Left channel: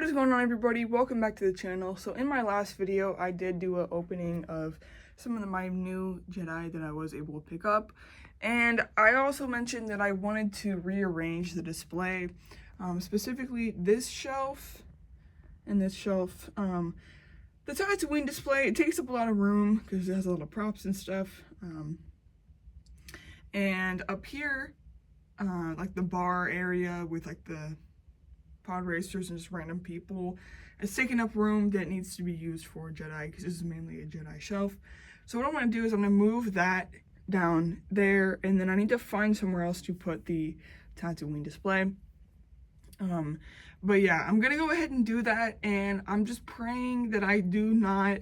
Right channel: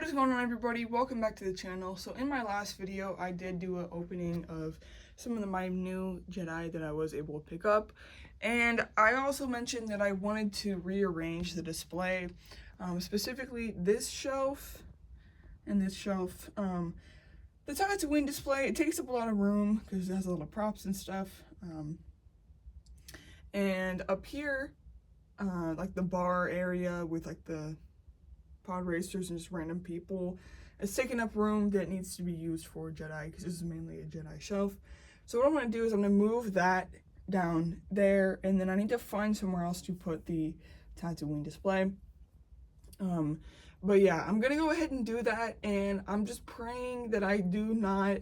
What is going on, everybody? Welcome back to the channel. So in my last video I did do an opening of some of my new Jedi that I was able to pick up, and I also mentioned that I wanted to rearrange the display, specifically this shelf and this shelf. The Tatooine display, it takes up a lot of room because it has a lot of props and stuff, and up here, like the bar area with like the pod racers and just random people, it's taking up room that needs to be used for Jedi because this is mainly a Jedi shelf. So what I'm going to do is I'm going to move that down there, and then I need to find somewhere else to put the Tatooine display. But yeah, I'm going to go ahead and do that, and I'm just praying that I do not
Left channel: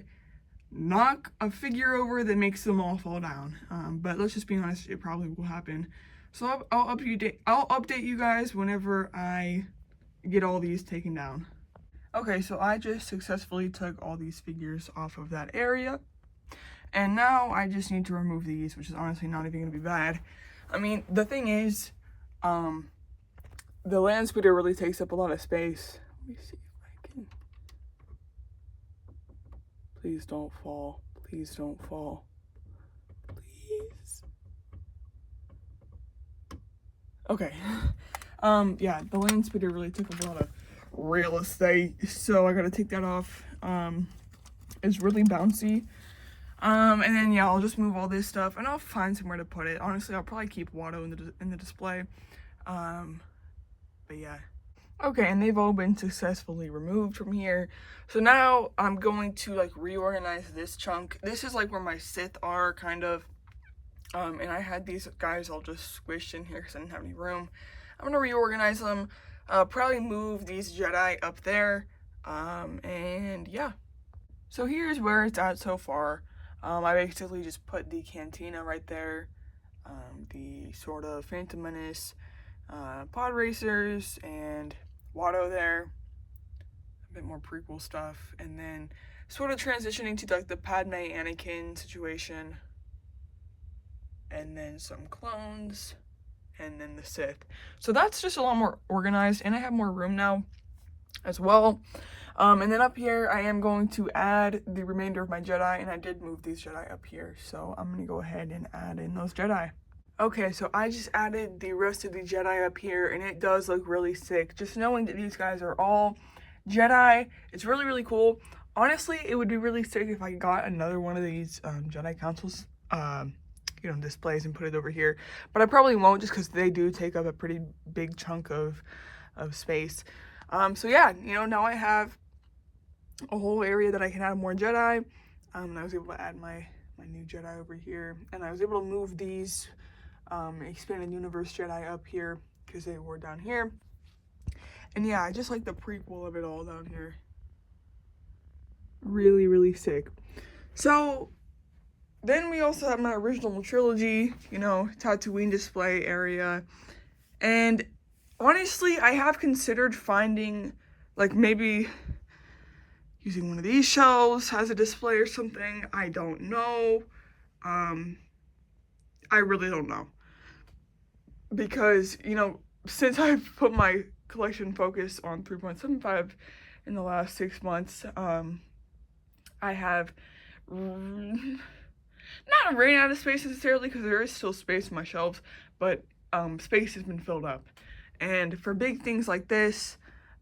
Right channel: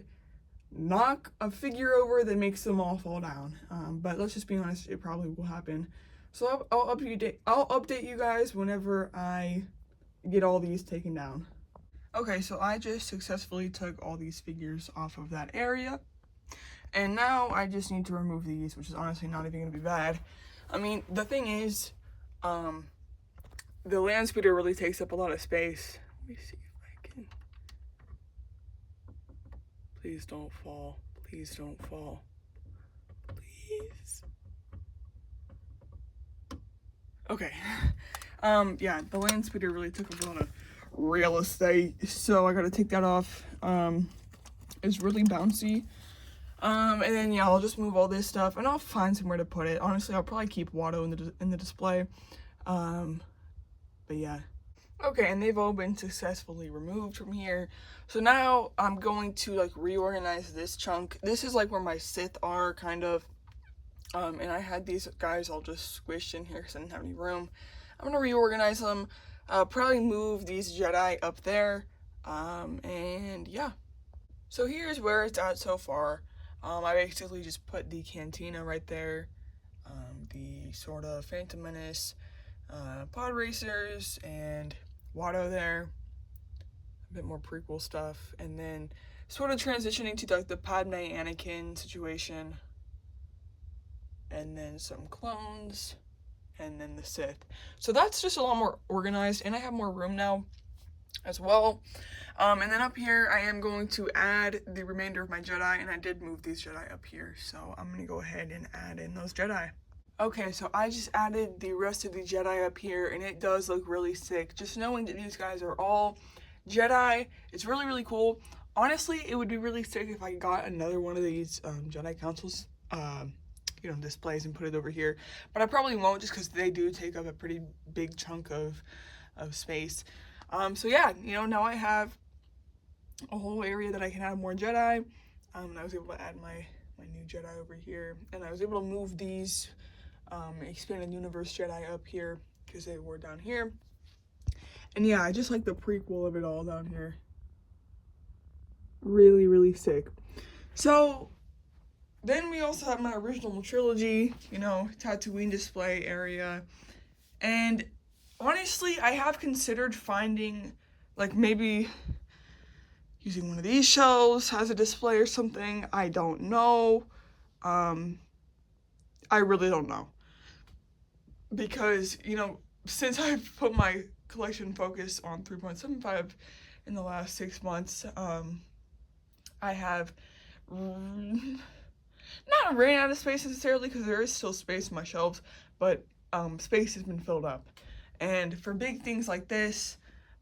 knock a figure over that makes them all fall down. But let's just be honest, it probably will happen. So I'll update you guys whenever I get all these taken down. Okay, so I just successfully took all these figures off of that area, and now I just need to remove these, which is honestly not even gonna be bad. I mean, the thing is, the land speeder really takes up a lot of space. Let me see if I can. Please don't fall. Please don't fall. Please. Okay. Yeah, the land speeder really took up a lot of real estate, so I gotta take that off. It's really bouncy. And then yeah, I'll just move all this stuff and I'll find somewhere to put it. Honestly, I'll probably keep Watto in the display. But yeah. Okay, and they've all been successfully removed from here. So now I'm going to like reorganize this chunk. This is like where my Sith are, kind of. And I had these guys all just squished in here because I didn't have any room. I'm gonna reorganize them, probably move these Jedi up there, and yeah. So here's where it's at so far. I basically just put the cantina right there, the sort of Phantom Menace, pod racers, and Watto there, a bit more prequel stuff, and then sort of transitioning to like the Padme Anakin situation, and then some clones, and then the Sith. So that's just a lot more organized, and I have more room now as well. And then up here I am going to add the remainder of my Jedi, and I did move these Jedi up here, so I'm gonna go ahead and add in those Jedi. Okay, so I just added the rest of the Jedi up here, and it does look really sick. Just knowing that these guys are all Jedi, it's really, really cool. Honestly, it would be really sick if I got another one of these Jedi Councils you know, displays and put it over here, but I probably won't, just because they do take up a pretty big chunk of space. So yeah, you know, now I have a whole area that I can add more Jedi. And I was able to add my new Jedi over here, and I was able to move these expanded universe Jedi up here because they were down here. And yeah, I just like the prequel of it all down here. Really, really sick. So then we also have my original trilogy, you know, Tatooine display area. And honestly, I have considered finding, like, maybe using one of these shelves as a display or something. I don't know. I really don't know. Because, you know, since I've put my collection focus on 3.75 in the last 6 months, I have not ran out of space necessarily, because there is still space on my shelves, but space has been filled up. And for big things like this,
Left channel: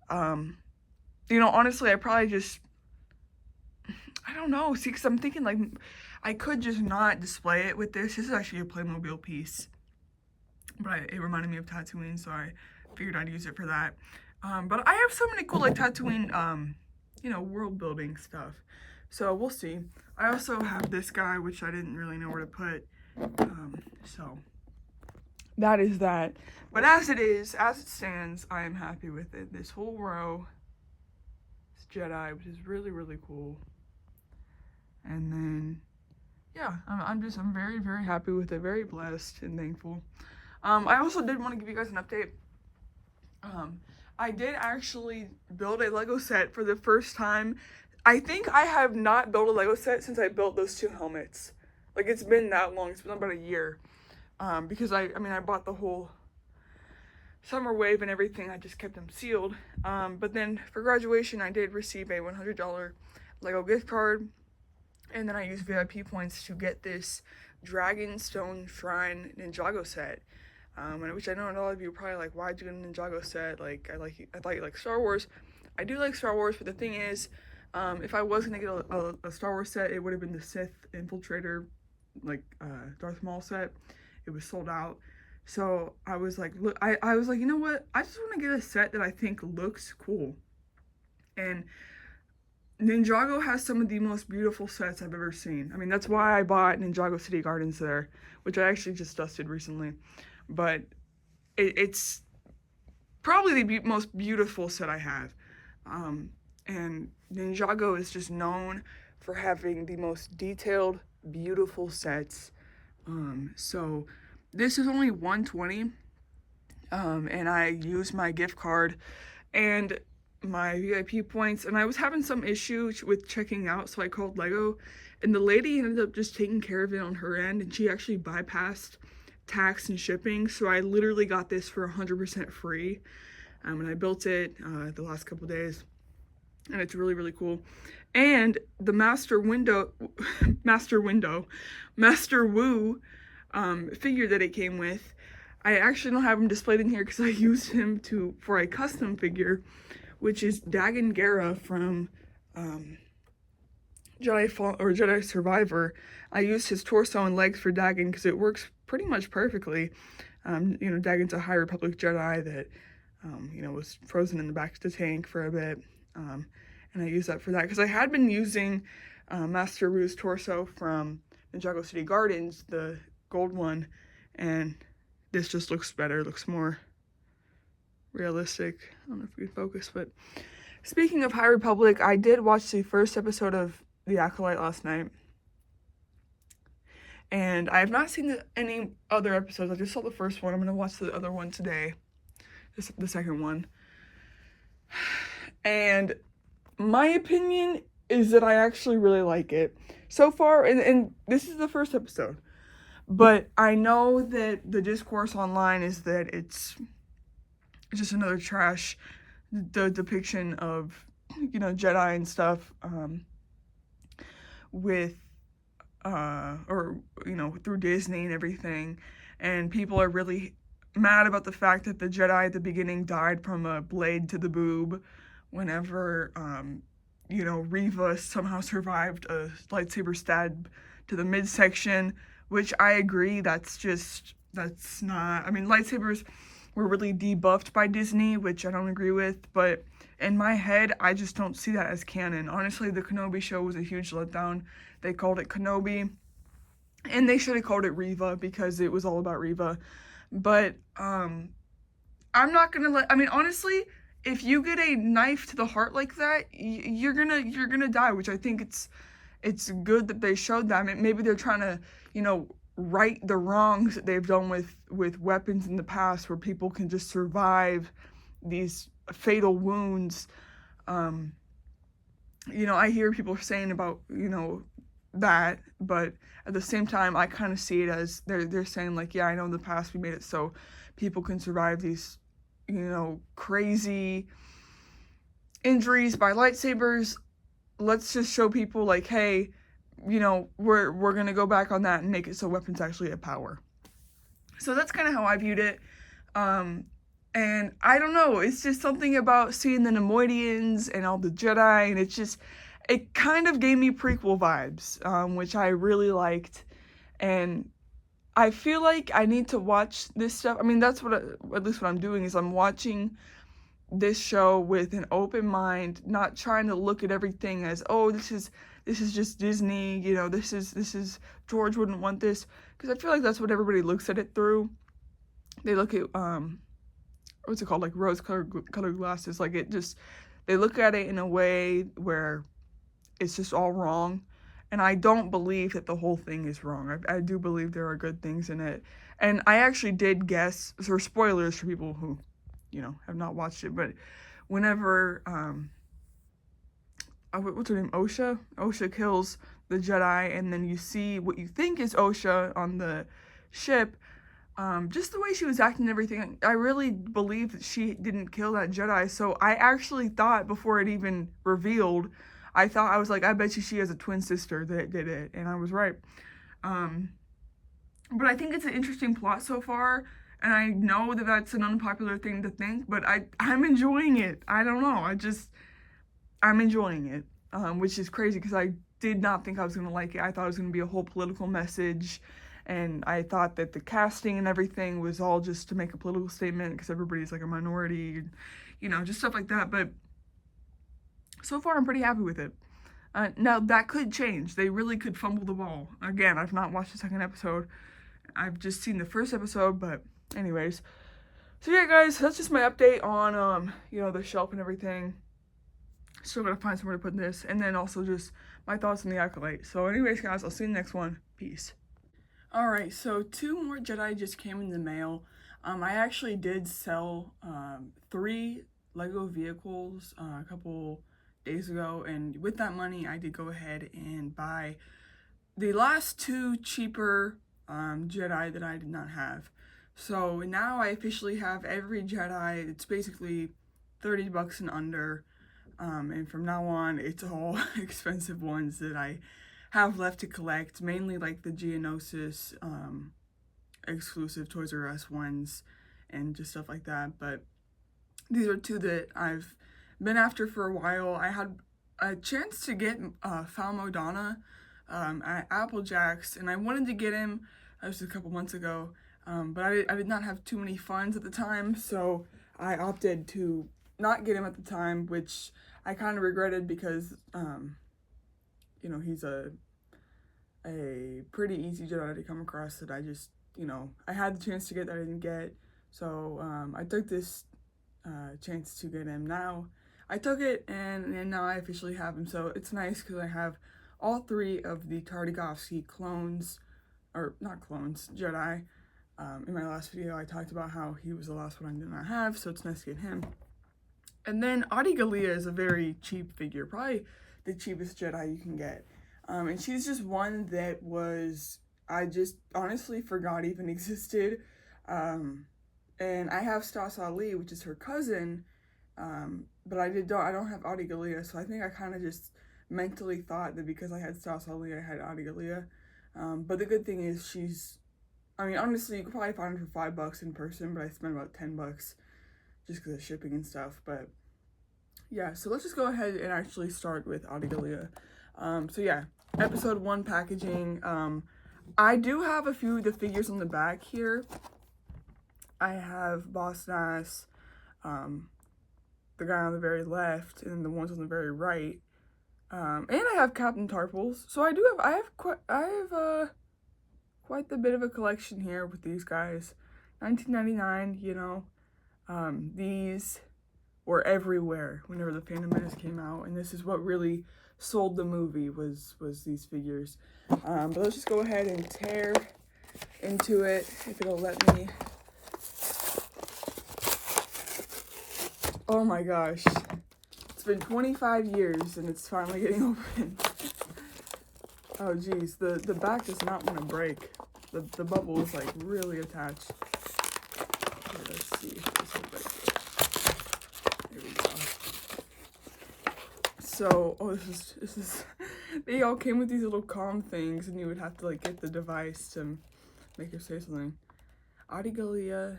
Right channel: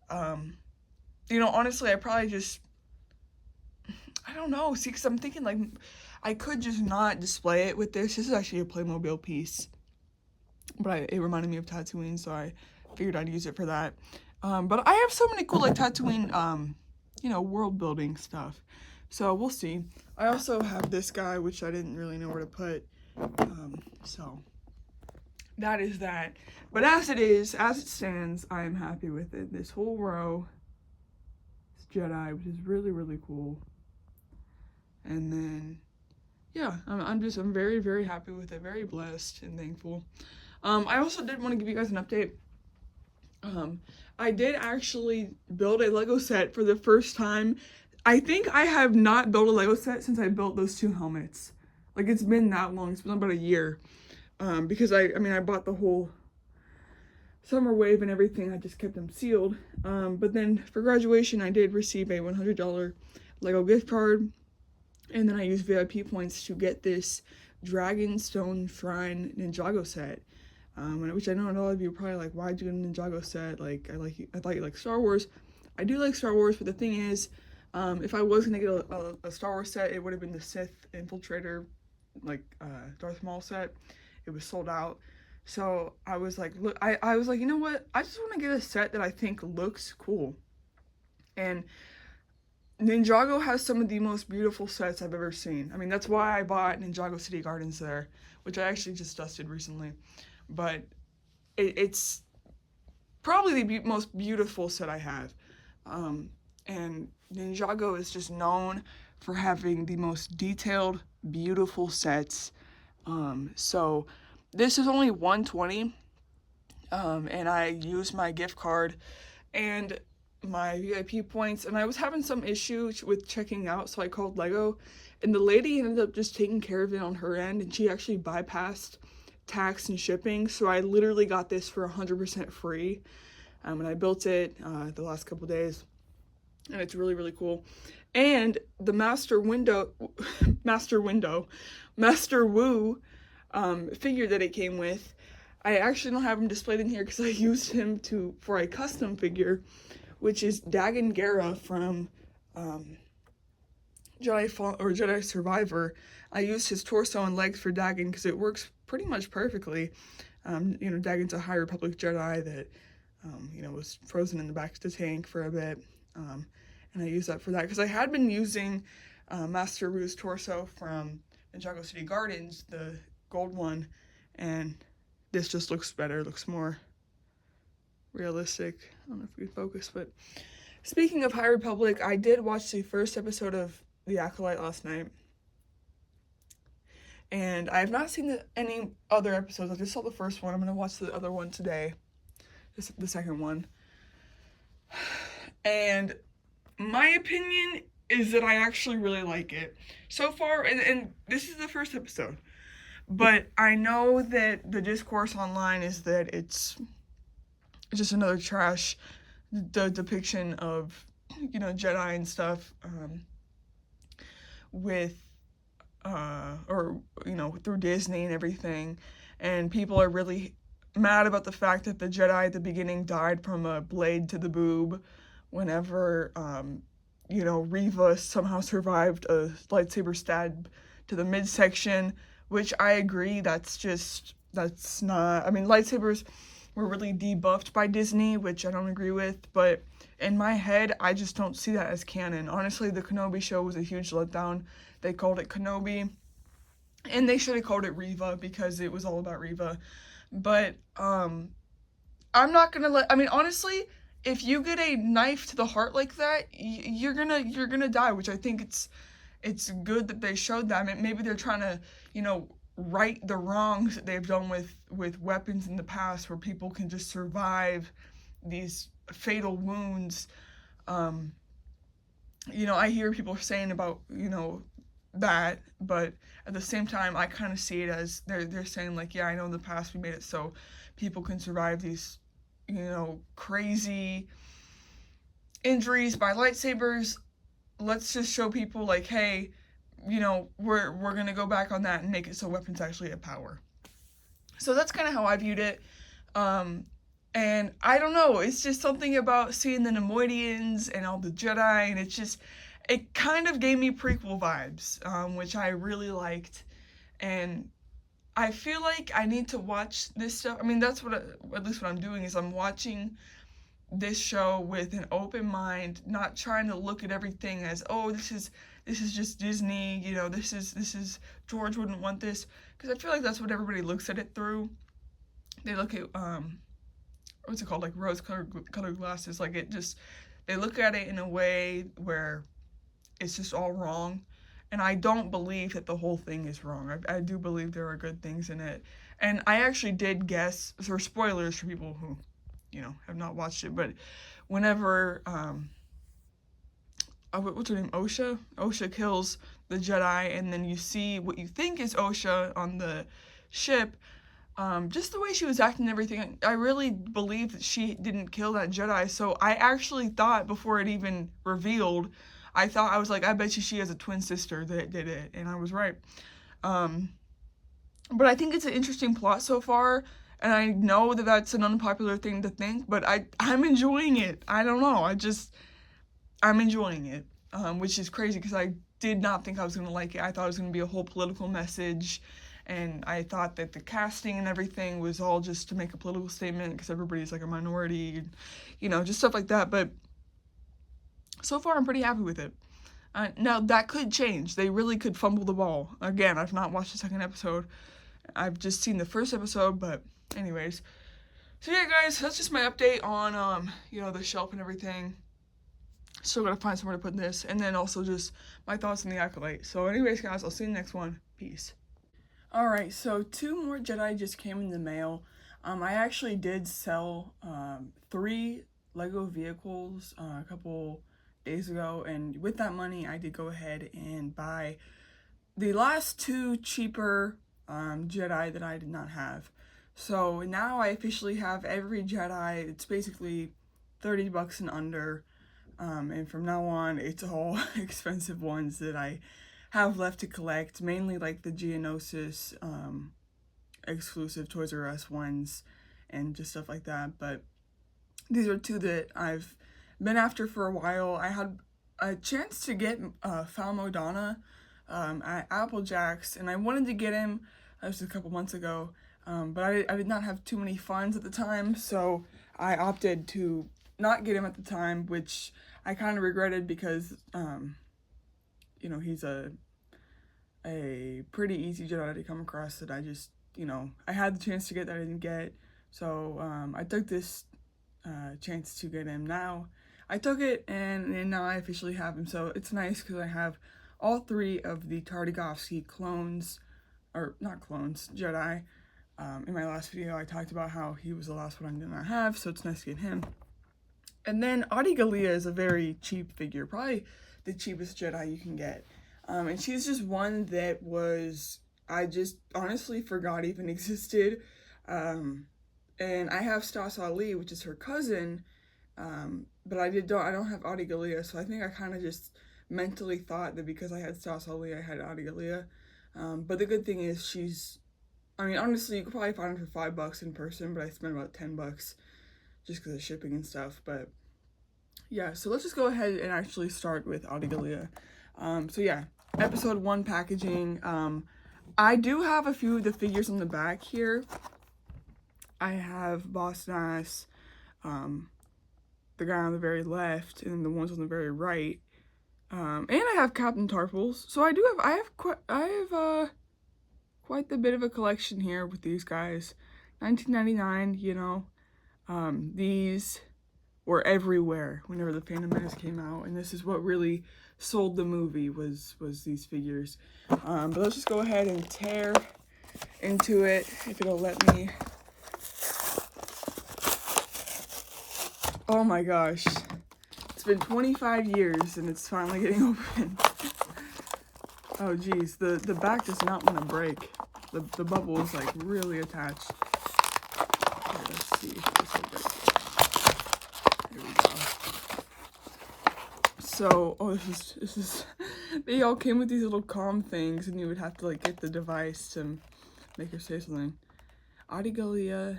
you know, honestly, I probably just, I don't know, see, because I'm thinking like I could just not display it with this. This is actually a Playmobil piece, but it reminded me of Tatooine, so I figured I'd use it for that. But I have so many cool like Tatooine you know, world building stuff, so we'll see. I also have this guy, which I didn't really know where to put, so that is that. But as it stands, I am happy with it. This whole row is Jedi, which is really, really cool. And then, yeah, I'm very, very happy with it, very blessed and thankful. I also did want to give you guys an update. I did actually build a Lego set for the first time. I think I have not built a Lego set since I built those two helmets. Like, it's been that long. It's been about a year. Because I mean, I bought the whole summer wave and everything, I just kept them sealed. But then for graduation, I did receive a $100 Lego gift card, and then I used VIP points to get this Dragonstone Shrine Ninjago set. Which I know a lot of you are probably like, why'd you get a Ninjago set? Like, I thought you like Star Wars. I do like Star Wars, but the thing is, if I was gonna get a Star Wars set, it would have been the Sith Infiltrator, like Darth Maul set. It was sold out. So I was like, look, I was like, you know what? I just want to get a set that I think looks cool. And Ninjago has some of the most beautiful sets I've ever seen. I mean, that's why I bought Ninjago City Gardens there, which I actually just dusted recently. But it's probably the most beautiful set I have. And Ninjago is just known for having the most detailed, beautiful sets. So this is only $120, and I used my gift card and my VIP points, and I was having some issues with checking out, so I called Lego, and the lady ended up just taking care of it on her end, and she actually bypassed tax and shipping, so I literally got this for 100% free, and I built it the last couple days, and it's really, really cool. And the Master Wu figure that it came with, I actually don't have him displayed in here because I used him for a custom figure, which is Dagan Gera from Jedi Survivor. I used his torso and legs for Dagan because it works pretty much perfectly. You know, Dagan's a High Republic Jedi that, you know, was frozen in the back of the tank for a bit. And I used that for that because I had been using Master Wu's torso from Ninjago City Gardens, the gold one, and this just looks better, looks more realistic. I don't know if we can focus, but speaking of High Republic, I did watch the first episode of The Acolyte last night, and I have not seen any other episodes. I just saw the first one. I'm going to watch the other one today, the second one, and my opinion is that I actually really like it so far, and this is the first episode, but I know that the discourse online is that it's just another trash depiction of, you know, Jedi and stuff, with or, you know, through Disney and everything, and people are really mad about the fact that the Jedi at the beginning died from a blade to the boob whenever you know, Reva somehow survived a lightsaber stab to the midsection, which I agree, that's not, I mean, lightsabers were really debuffed by Disney, which I don't agree with, but in my head, I just don't see that as canon. Honestly, the Kenobi show was a huge letdown. They called it Kenobi, and they should have called it Reva because it was all about Reva, but I'm not gonna I mean, honestly, if you get a knife to the heart like that, you're gonna die, which I think it's good that they showed that. I mean, maybe they're trying to, you know, right the wrongs that they've done with weapons in the past, where people can just survive these fatal wounds. You know, I hear people saying about, you know, that, but at the same time, I kind of see it as they're saying like, yeah, I know in the past we made it so people can survive these, you know, crazy injuries by lightsabers. Let's just show people like, hey, you know, we're gonna go back on that and make it so weapons actually have power. So that's kind of how I viewed it. And I don't know, it's just something about seeing the Neimoidians and all the Jedi, and it kind of gave me prequel vibes, which I really liked. And I feel like I need to watch this stuff. I mean, that's at least what I'm doing, is I'm watching this show with an open mind, not trying to look at everything as, oh, this is just Disney, you know, this is George wouldn't want this, because I feel like that's what everybody looks at it through. They look at what's it called, like rose-colored glasses, like they look at it in a way where it's just all wrong. And I don't believe that the whole thing is wrong. I do believe there are good things in it. And I actually did guess, or spoilers for people who, you know, have not watched it, but whenever, what's her name, Osha kills the Jedi, and then you see what you think is Osha on the ship, just the way she was acting and everything, I really believe that she didn't kill that Jedi. So I actually thought before it even revealed, I was like, I bet you she has a twin sister that did it, and I was right. But I think it's an interesting plot so far, and I know that that's an unpopular thing to think, but I'm enjoying it. I don't know, I'm enjoying it, which is crazy because I did not think I was gonna like it. I thought it was gonna be a whole political message, and I thought that the casting and everything was all just to make a political statement because everybody's like a minority, you know, just stuff like that. But so far, I'm pretty happy with it. Now that could change. They really could fumble the ball. Again, I've not watched the second episode. I've just seen the first episode, but anyways. So yeah, guys, that's just my update on you know, the shelf and everything. Still gotta find somewhere to put this, and then also just my thoughts on the Acolyte. So anyways, guys, I'll see you in the next one. Peace. Alright, so 2 more Jedi just came in the mail. I actually did sell 3 Lego vehicles a couple days ago, and with that money I did go ahead and buy the last 2 cheaper Jedi that I did not have. So now I officially have every Jedi. It's basically $30 and under. And from now on, it's all expensive ones that I have left to collect, mainly like the Geonosis exclusive Toys R Us ones and just stuff like that. But these are 2 that I've been after for a while. I had a chance to get Falmo Donna at Applejack's, and I wanted to get him. That was a couple months ago, but I did not have too many funds at the time, so I opted to not get him at the time, which I kind of regretted because, you know, he's a pretty easy Jedi to come across that I just, you know, I had the chance to get that I didn't get. So I took this chance to get him. Now I took it, and now I officially have him. So it's nice because I have all 3 of the Tartakovsky clones, or not clones, Jedi. In my last video I talked about how he was the last one I did not have, so it's nice to get him. And then Adi Gallia is a very cheap figure, probably the cheapest Jedi you can get. And she's just one that I just honestly forgot even existed. And I have Stas Ali, which is her cousin, but I don't have Adi Gallia, so I think I kind of just mentally thought that because I had Stas Ali, I had Adi Gallia. But the good thing is I mean, honestly, you could probably find her for $5 in person, but I spent about $10 just because of shipping and stuff. But yeah, so let's just go ahead and actually start with Adi Gallia. So yeah, episode 1 packaging. I do have a few of the figures on the back here. I have Boss Nass, the guy on the very left, and then the ones on the very right. And I have Captain Tarfles. So I have quite a bit of a collection here with these guys. 1999, you know. These were everywhere whenever the Phantom Menace came out, and this is what really sold the movie was these figures. But let's just go ahead and tear into it, if it'll let me. Oh my gosh, it's been 25 years and it's finally getting open. Oh geez, the back does not want to break. The bubble is like really attached. Okay, let's see. There we go. So, oh, this is they all came with these little comm things, and you would have to like get the device to make her say something. Adi Gallia,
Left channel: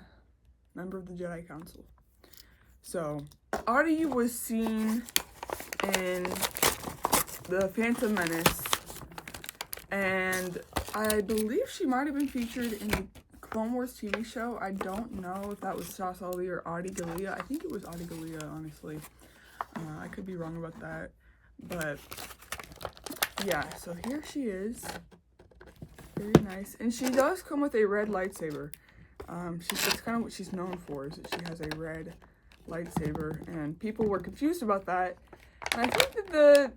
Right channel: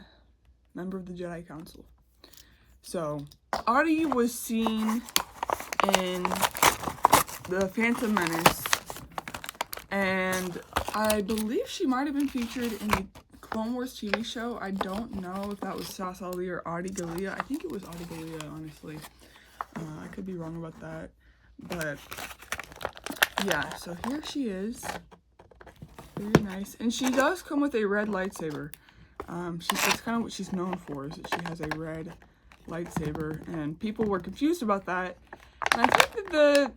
member of the Jedi Council. So, Adi was seen in the Phantom Menace, and I believe she might have been featured in the Clone Wars TV show. I don't know if that was Stas Ali or Adi Gallia. I think it was Adi Gallia, honestly. I could be wrong about that, but yeah, so here she is. Very nice. And she does come with a red lightsaber. That's kind of what she's known for, is that she has a red lightsaber, and people were confused about that. And I think that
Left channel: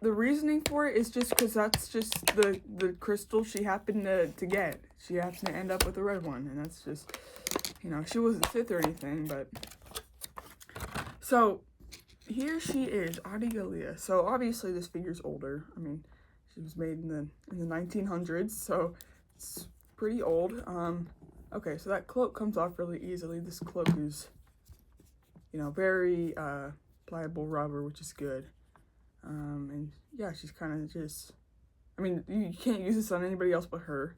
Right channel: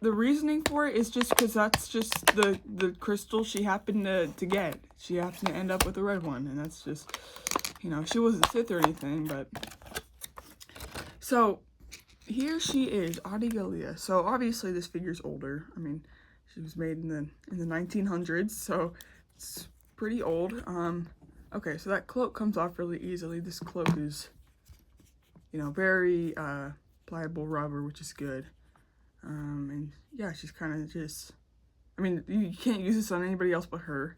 the reasoning for it is just because that's just the crystal she happened to get. She happened to end up with a red one, and that's just, you know, she wasn't Sith or anything, but so here she is, Adi Gallia. So obviously this figure's older. I mean, she was made in the 1900s, so it's pretty old. Okay, so that cloak comes off really easily. This cloak is, you know, very pliable rubber, which is good. And yeah, she's kind of just, I mean, you can't use this on anybody else but her.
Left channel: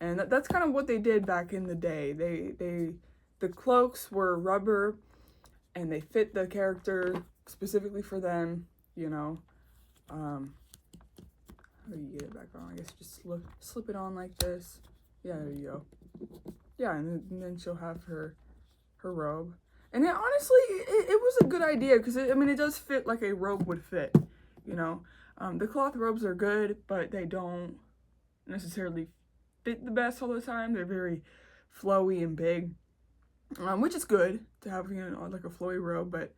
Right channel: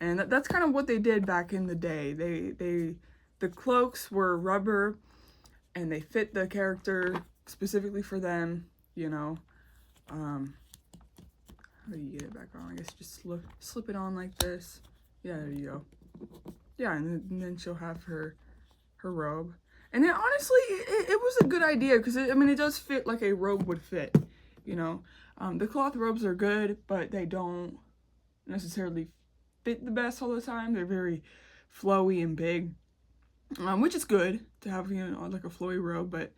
And that's kind of what they did back in the day. The cloaks were rubber, and they fit the character specifically for them, you know. How do you get it back on? I guess just slip it on like this. Yeah, there you go. Yeah, and then she'll have her robe. And then honestly, it was a good idea because I mean, it does fit like a robe would fit, you know. The cloth robes are good, but they don't necessarily fit the best all the time. They're very flowy and big, which is good to have, you know, like a flowy robe, but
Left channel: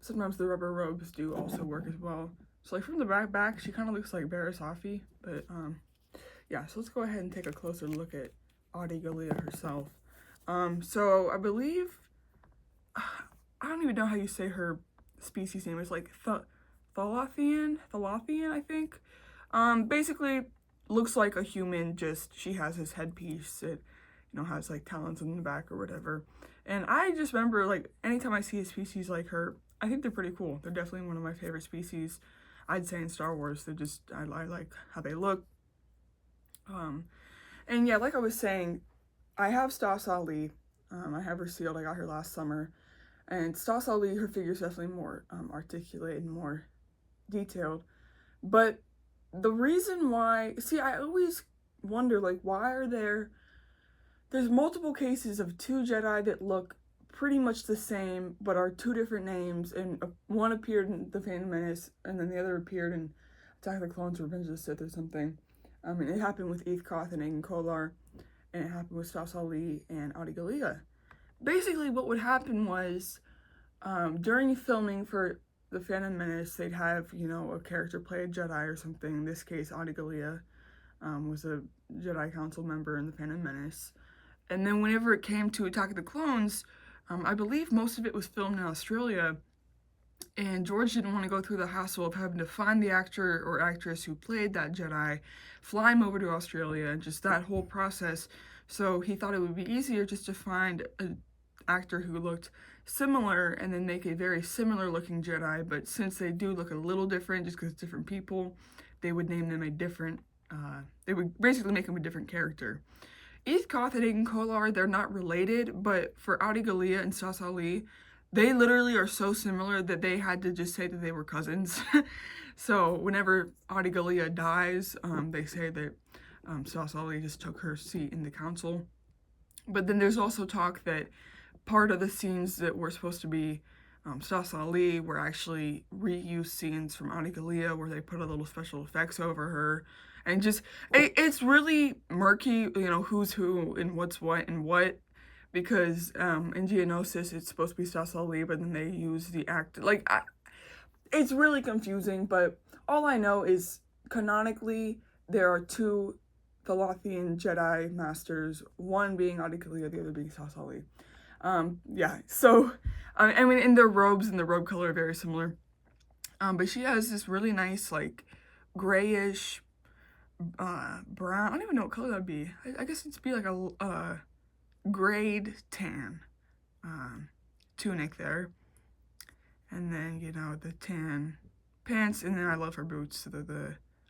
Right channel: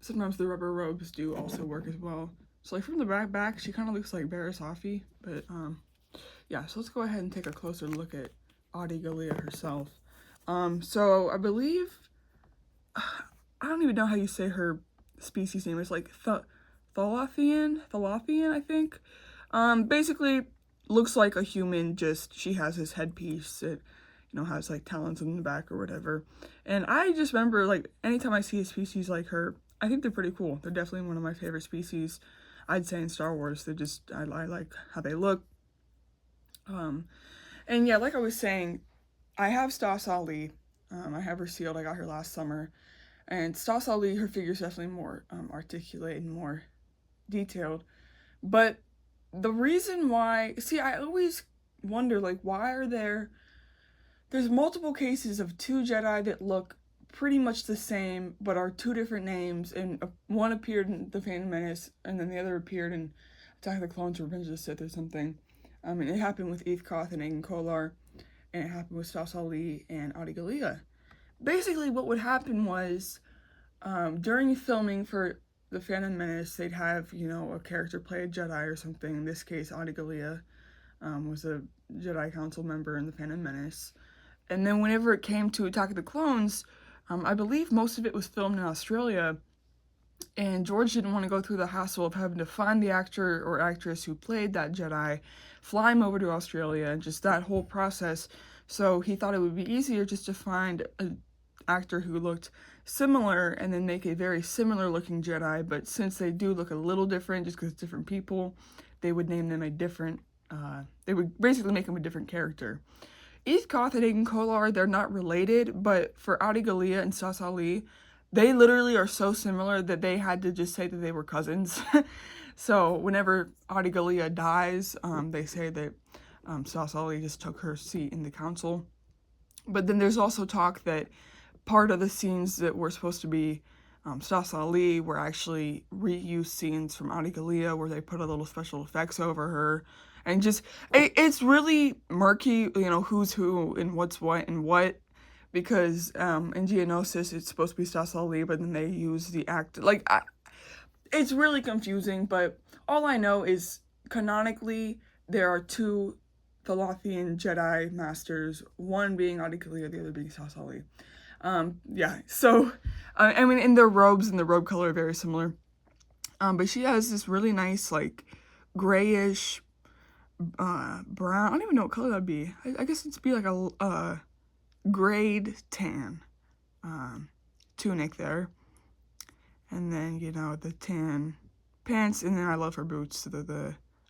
sometimes the rubber robes do also work as well. So like from the back, she kind of looks like Barasafi, but yeah, so let's go ahead and take a closer look at Adigalia herself. So I believe, I don't even know how you say her species name. It's like Thalathian, I think. Basically looks like a human, just she has this headpiece that, you know, has like talons in the back or whatever. And I just remember, like, anytime I see a species like her, I think they're pretty cool. They're definitely one of my favorite species, I'd say, in Star Wars. They're just, I like how they look. And yeah, like I was saying, I have Stas Ali. I have her sealed. I got her last summer. And Stas Ali, her figure's definitely more articulate and more detailed. But the reason why, see, I always wonder, like, why are there's multiple cases of two Jedi that look pretty much the same, but are two different names, and one appeared in The Phantom Menace, and then the other appeared in Attack of the Clones or Revenge of the Sith or something. And it happened with Eve Koth and Aiden Kolar, and it happened with Stas Ali and Adi Gallia. Basically, what would happen was, during filming for The Phantom Menace, they'd have, you know, a character play a Jedi or something. In this case, Adi Gallia was a Jedi Council member in The Phantom Menace. And then whenever it came to Attack of the Clones, I believe most of it was filmed in Australia, and George didn't want to go through the hassle of having to find the actor or actress who played that Jedi, fly him over to Australia, and just that whole process. So he thought it would be easier just to find an actor who looked similar and then make a very similar looking Jedi, but since they do look a little different just because it's different people, they would name them a different, they would basically make them a different character. Eve Koth and Aiden Kolar, they're not related, but for Adi Gallia and Stas Ali, they literally are so similar that they had to just say that they were cousins. So whenever Adi Gallia dies, they say that Stas Ali just took her seat in the council. But then there's also talk that part of the scenes that were supposed to be Stas Ali were actually reused scenes from Adi Gallia, where they put a little special effects over her. And just, it's really murky, you know, who's who and what's what and what, because in Geonosis it's supposed to be Stas Ali, but then they use the actor, like, it's really confusing. But all I know is, canonically, there are two Thalathian Jedi Masters, one being Adi Gallia, the other being Stas Ali. Yeah, so, I mean, and their robes and the robe color are very similar. But she has this really nice, like, grayish, brown, I don't even know what color that'd be. I guess it'd be like a grayed tan tunic there. And then, you know, the tan pants, and then I love her boots.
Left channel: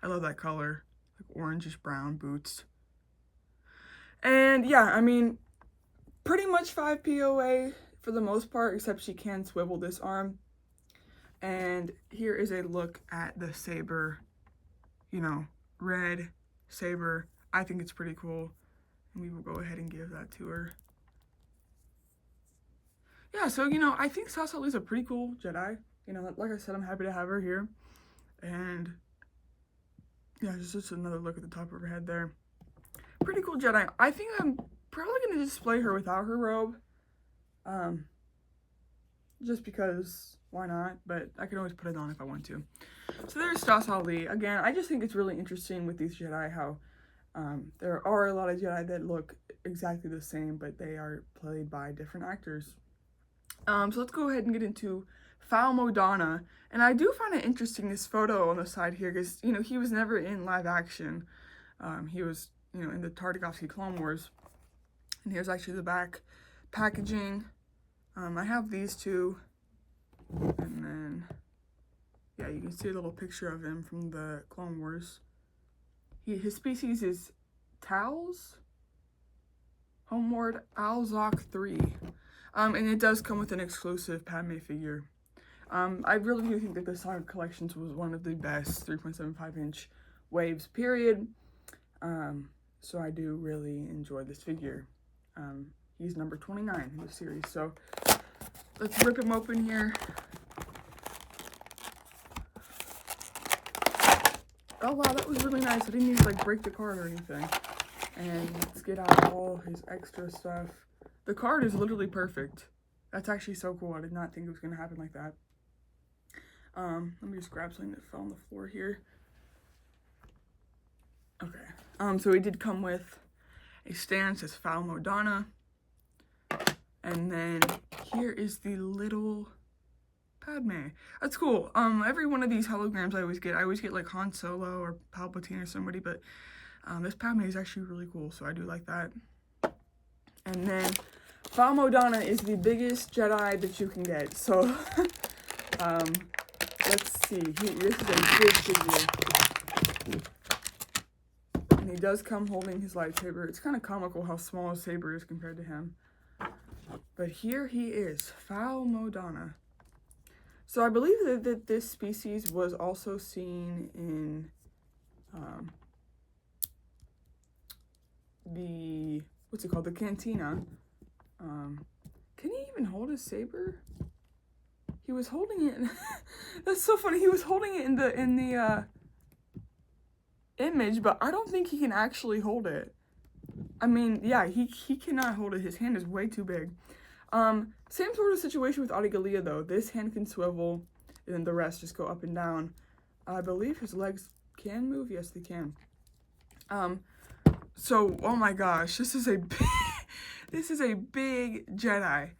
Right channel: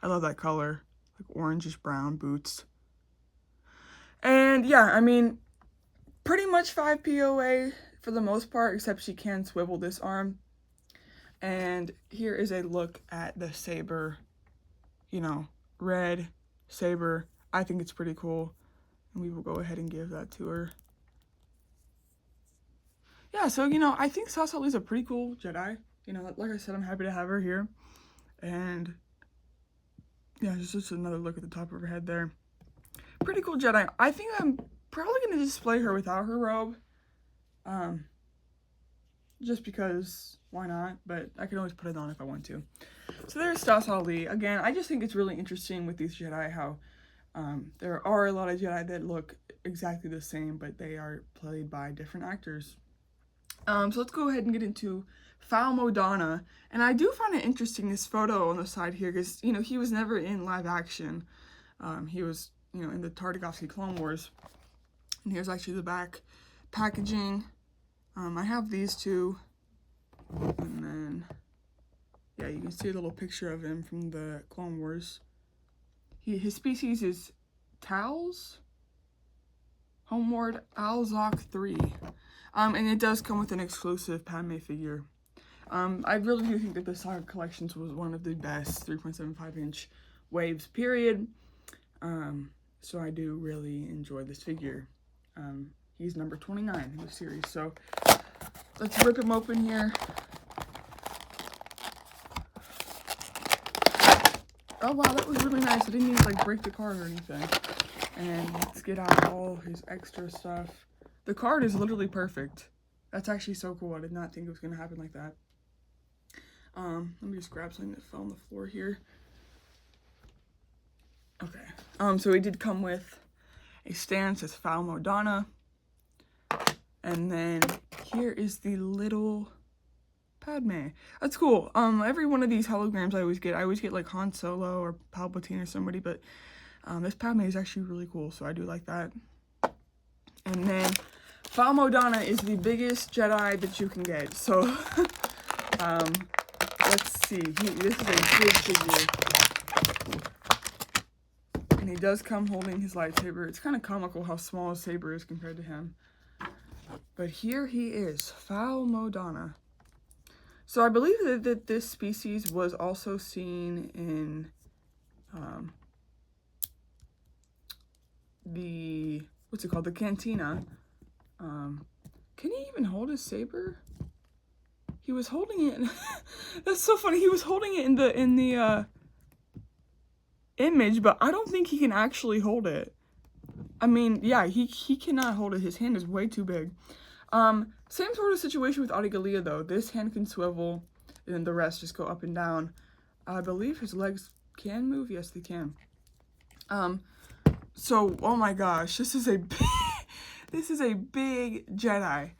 I love that color, like orangish brown boots. And yeah, I mean, pretty much 5 POA for the most part, except she can swivel this arm. And here is a look at the saber, you know, red saber. I think it's pretty cool, and we will go ahead and give that to her. Yeah, so, you know, I think Stas Ali is a pretty cool Jedi. You know, like I said, I'm happy to have her here. And yeah, just another look at the top of her head there. Pretty cool Jedi. I think I'm probably going to display her without her robe. Just because, why not? But I can always put it on if I want to. So there's Stas Ali. Again, I just think it's really interesting with these Jedi how there are a lot of Jedi that look exactly the same, but they are played by different actors. So let's go ahead and get into Fal Modana. And I do find it interesting, this photo on the side here, because, you know, he was never in live action. He was, you know, in the Tartakovsky Clone Wars. And here's actually the back packaging. I have these two, and then yeah, you can see a little picture of him from the Clone Wars. His species is Tals, Homeward Alzok 3. And it does come with an exclusive Padme figure. I really do think that the Saga Collections was one of the best 3.75-inch waves, period. So I do really enjoy this figure. He's number 29 in the series. So let's rip him open here. Oh wow, that was really nice. I didn't even like break the card or anything. And let's get out all his extra stuff. The card is literally perfect. That's actually so cool. I did not think it was gonna happen like that. Let me just grab something that fell on the floor here. Okay. So he did come with a stand that says Foul Modana. And then here is the little Padme. That's cool. Every one of these holograms I always get like Han Solo or Palpatine or somebody, but this Padme is actually really cool, so I do like that. And then Foul Modana is the biggest Jedi that you can get. So let's see. This is a big figure. And he does come holding his lightsaber. It's kind of comical how small his saber is compared to him. But here he is, Foul Modana. So I believe that this species was also seen in the, what's it called, the Cantina. Can he even hold his saber? He was holding it. That's so funny. He was holding it in the image, but I don't think he can actually hold it. I mean, yeah, he cannot hold it. His hand is way too big. Same sort of situation with Adigalia though. This hand can swivel, and then the rest just go up and down. I believe his legs can move. Yes, they can. So, oh my gosh, this is a big Jedi.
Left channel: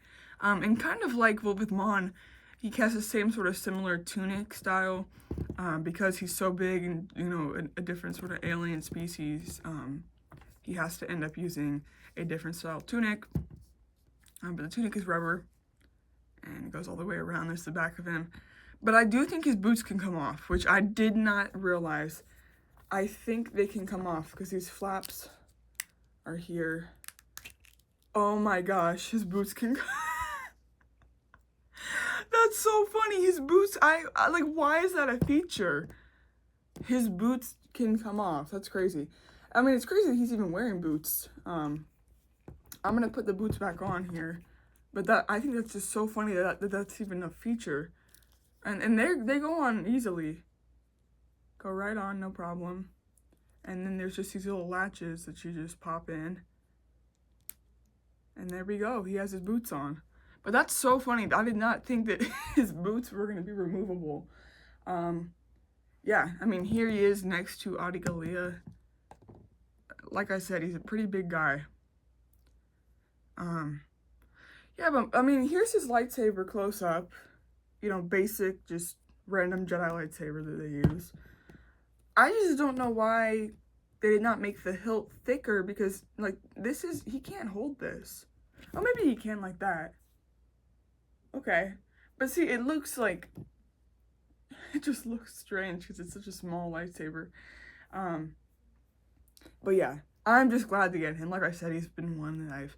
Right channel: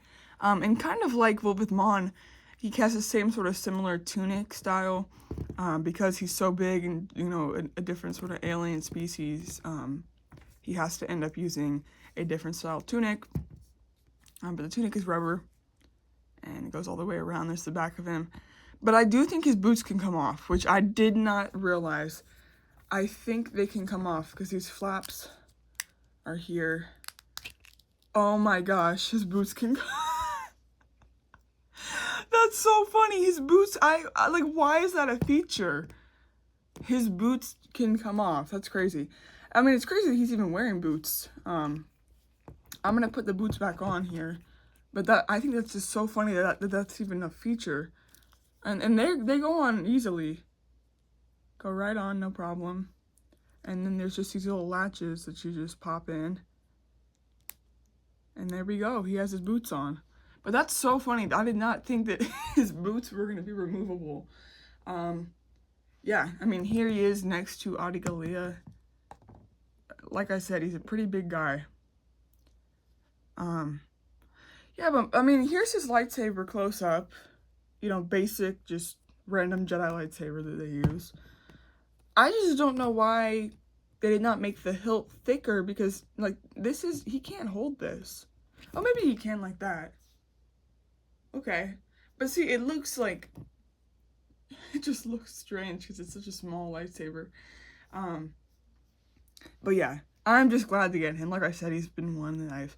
And kind of like with Mon, he has the same sort of similar tunic style, because he's so big and, you know, a different sort of alien species. He has to end up using a different style tunic. But the tunic is rubber, and it goes all the way around. There's the back of him. But I do think his boots can come off, which I did not realize. I think they can come off, because these flaps are here. Oh my gosh, his boots can That's so funny. His boots, I like, why is that a feature? His boots can come off. That's crazy. I mean, it's crazy that he's even wearing boots. I'm gonna put the boots back on here, but I think that's just so funny that's even a feature. And they go on easily. Go right on, no problem. And then there's just these little latches that you just pop in. And there we go. He has his boots on. But that's so funny. I did not think that his boots were gonna be removable. Yeah, I mean, here he is next to Adigalia. Like I said, he's a pretty big guy. Yeah, but I mean, here's his lightsaber close up. You know, basic, just random Jedi lightsaber that they use. I just don't know why they did not make the hilt thicker, because, like, he can't hold this. Oh, maybe he can like that. Okay. But see, it looks like, it just looks strange because it's such a small lightsaber. But yeah, I'm just glad to get him. Like I said, he's been one that I've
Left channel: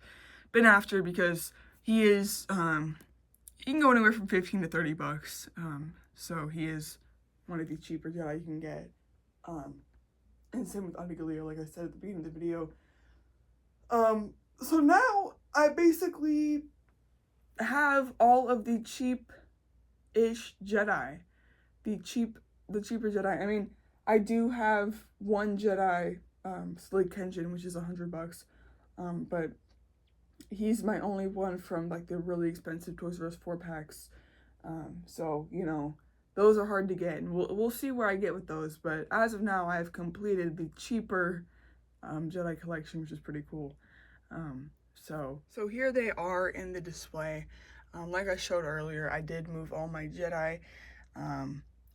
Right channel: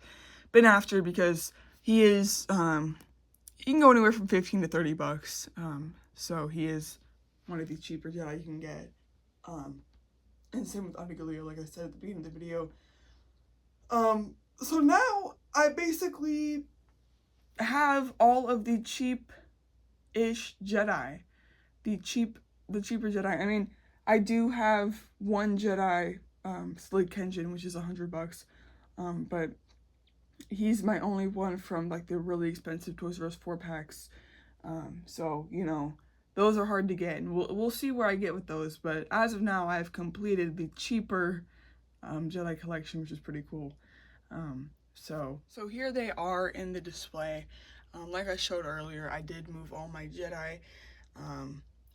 been after, because he is, he can go anywhere from 15 to 30 bucks. So he is one of the cheaper Jedi you can get. And same with Adigalia, like I said at the beginning of the video. So now I basically have all of the cheap-ish Jedi. The cheaper Jedi. I mean, I do have one Jedi, Slid Kenshin, which is $100 bucks. But he's my only one from, like, the really expensive Toys R Us 4-packs. So, you know, those are hard to get, and we'll see where I get with those. But as of now, I've completed the cheaper Jedi collection, which is pretty cool. So here they are in the display. Like I showed earlier, I did move all my Jedi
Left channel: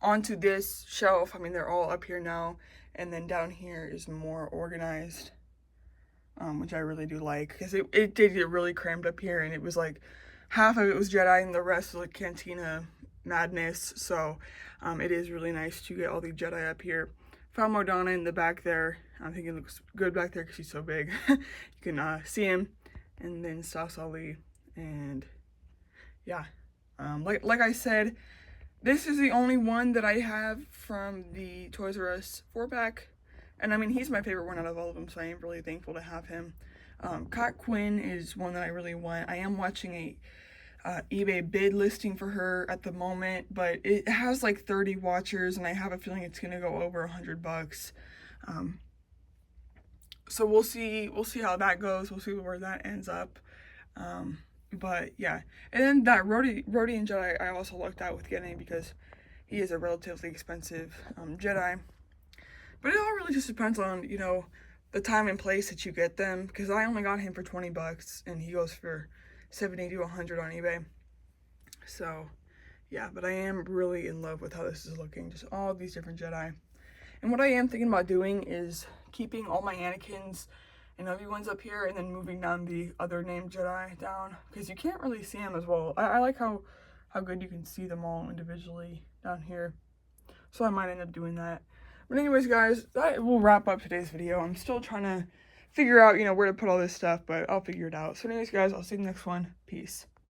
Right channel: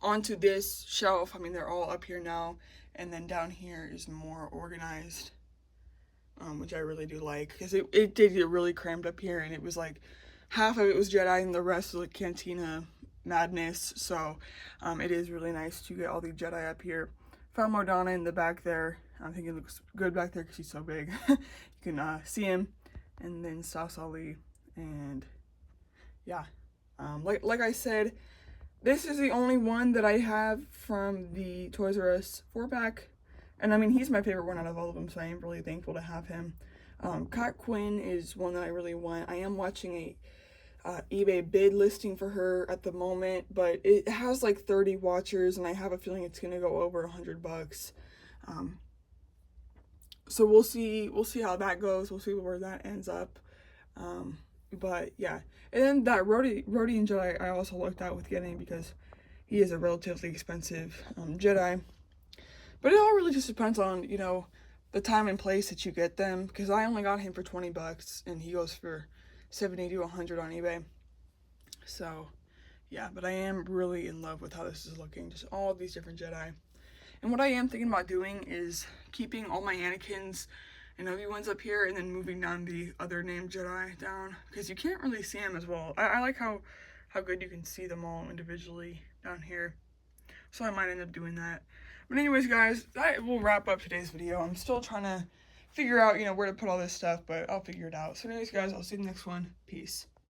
onto this shelf. I mean, they're all up here now, and then down here is more organized. which I really do like, because it did get really crammed up here, and it was like half of it was Jedi and the rest was like Cantina madness. So it is really nice to get all the Jedi up here. Found Modana in the back there. I think it looks good back there because he's so big. You can see him. And then Sasali, and yeah, like I said, this is the only one that I have from the Toys R Us 4-pack. And I mean, he's my favorite one out of all of them, so I am really thankful to have him. Kat Quinn is one that I really want. I am watching a eBay bid listing for her at the moment, but it has like 30 watchers, and I have a feeling it's gonna go over $100. So we'll see how that goes. We'll see where that ends up. But yeah, and then that Rodian Jedi I also looked at with getting, because he is a relatively expensive Jedi. But it all really just depends on, you know, the time and place that you get them, because I only got him for $20 and he goes for 70 to 100 on eBay. So yeah, but I am really in love with how this is looking, just all these different Jedi. And what I am thinking about doing is keeping all my Anakins and Obi-Wan's up here, and then moving down the other named Jedi down, because you can't really see them as well. I like how good you can see them all individually down here. So I might end up doing that. But anyways, guys, that will wrap up today's video. I'm still trying to figure out, you know, where to put all this stuff, but I'll figure it out. So anyways, guys, I'll see you in the next one. Peace.